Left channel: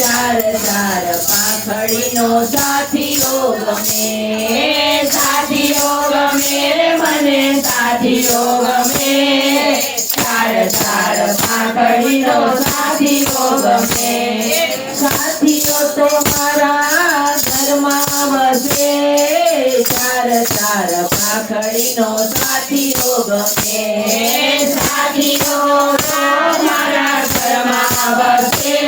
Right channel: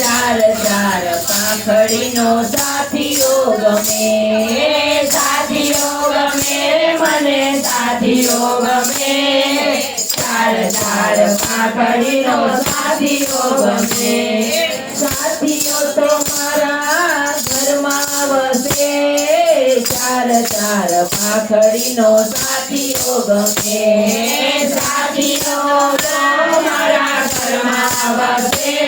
ચાર ચાર પાંખડીનો સાથીઓ ગમે, સાથીઓ ગમે રે મને સાથીઓ ગમે, ચાર ચાર પાંખડીનો સાથીઓ ગમે, સાથીઓ તો મારા ઘરમાં વસે, ચાર ચાર પાંખડીનો સાથીઓ ગમે, સાથીઓ મારા ઘરમાં વસે,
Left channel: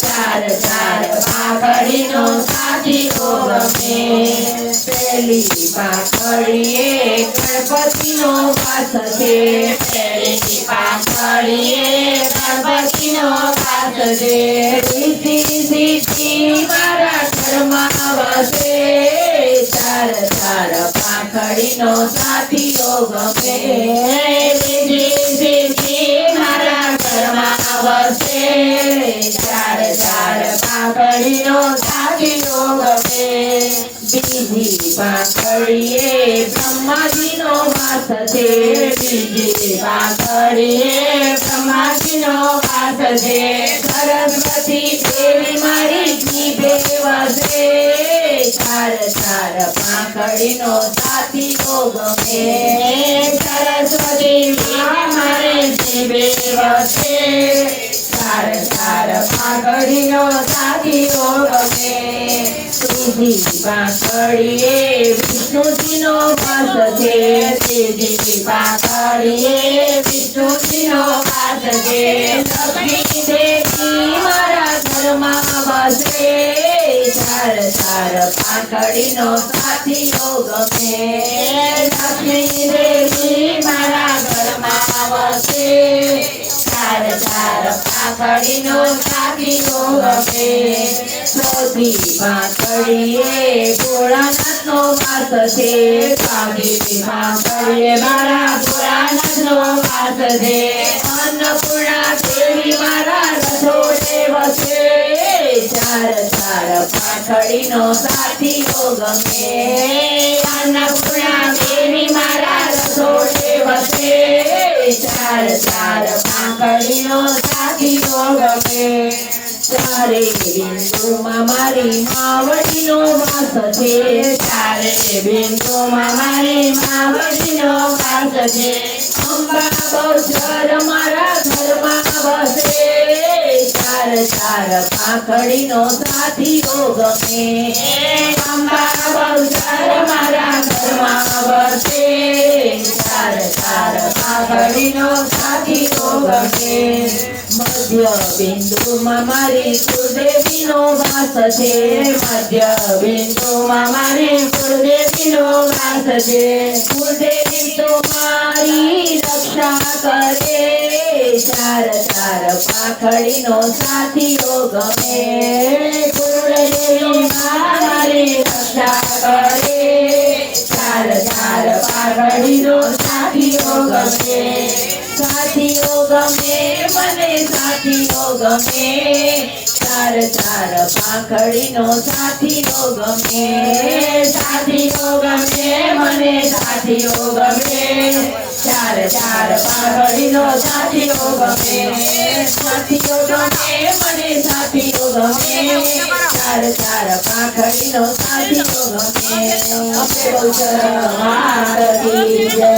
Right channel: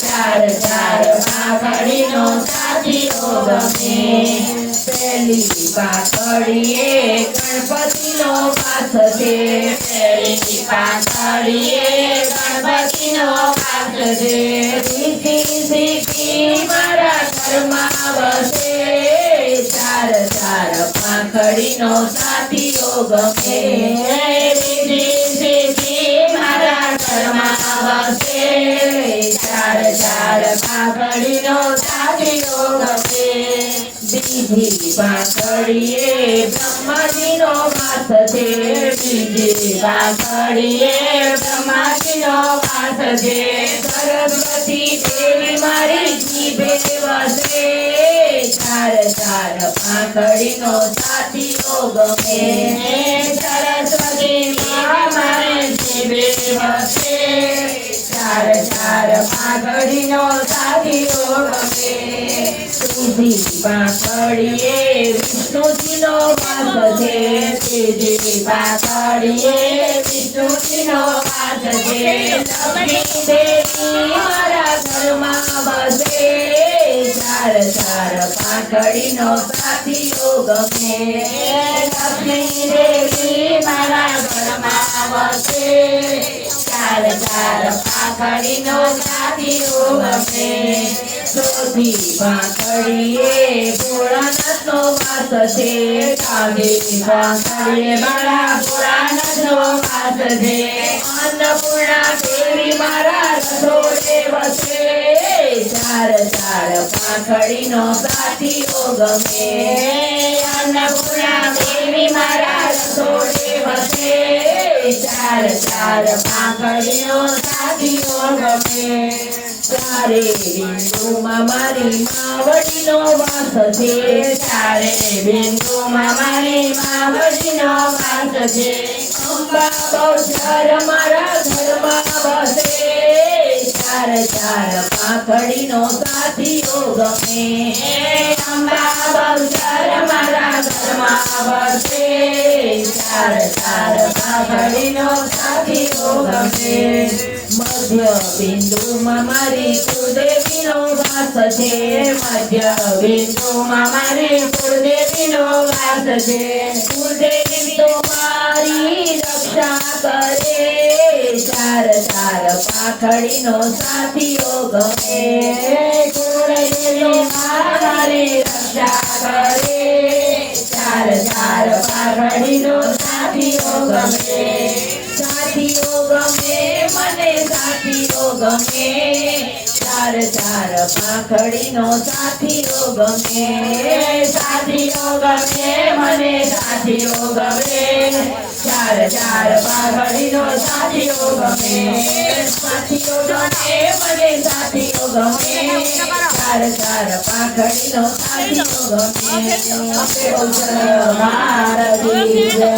ચાર ચાર પાંખડીનો સાથીઓ ગમે, પેલી પાંખડીએ ગણપતિનો વાસ છે, પેલી પાંખડીએ ગણપતિનો વાસ છે, રીતિ સિદ્ધિ મારા ઘરમાં વસે, ચાર ચાર પાંખડીનો સાથીઓ ગમે, રીતિ સિદ્ધિ મારા ઘરમાં વસે, ચાર ચાર પાંખડીનો સાથીઓ ગમે, બીજી પાંખડીએ બ્રહ્માજીનો વાસ છે, બીજી પાંખડીએ બ્રહ્માજીનો વાસ છે, સરસ્વતી દેવી મારી જીભે વસે, ચાર ચાર પાંખડીનો સાથીઓ ગમે, સરસ્વતી મારી જીભે વસે, ચાર ચાર પાંખડીનો સાથીઓ ગમે, ત્રીજી પાંખડીએ વિષ્ણુજીનો વાસ છે, ત્રીજી પાંખડીએ વિષ્ણુજીનો વાસ છે, લક્ષ્મી દેવી મારા ઘરમાં વસે, ચાર ચાર પાંખડીનો સાથીઓ ગમે, લક્ષ્મી દેવી મારા ઘરમાં વસે, ચાર ચાર પાંખડીનો સાથીઓ ગમે, ચોથી પાંખડીએ ભોળાનાથનો વાસ છે, ચોથી પાંખડીએ મારા ભોળાનાથનો વાસ છે, અન્નપૂર્ણા દેવી મારા રસોડે વસે, ચાર ચાર પાંખડીનો સાથીઓ ગમે, અન્નપૂર્ણા દેવી મારા રસોડે વસે, ચાર ચાર પાંખડીનો સાથીઓ ગમે, ચારે બિંદુમાં મારી માવડીનો વાસ છે, ચારે બિંદુમાં મારી માવડીનો વાસ છે, અંબા બહુચર મારા ઘરમાં વસે, ચાર ચાર પાંખડીનો સાથીઓ ગમે, અંબા બહુચર મારા ઘરમાં વસે, ચાર ચાર પાંખડીનો સાથીઓ ગમે, મધ્ય બિંદુમાં મારી કુળદેવીનો વાસ છે, મધ્ય બિંદુમાં મારી કુળદેવીનો વાસ છે, કુળદેવી તો મારી રક્ષા કરે, ચાર ચાર પાંખડીનો સાથીઓ ગમે, કુળદેવી મારી રક્ષા કરે, ચાર ચાર પાંખડીનો સાથીઓ ગમે, સાથીઓ ગમે મને સાથીઓ ગમે, ચાર ચાર પાંખડીનો સાથીઓ ગમે, સાથીઓ ગમે મને સાથીઓ ગમે, ચાર ચાર પાંખડીનો સાથીઓ ગમે, સાથીઓ ગમે મને સાથીઓ ગમે, ચાર ચાર પાંખડીનો સાથીઓ ગમે, અપે બહુચર મારી જય.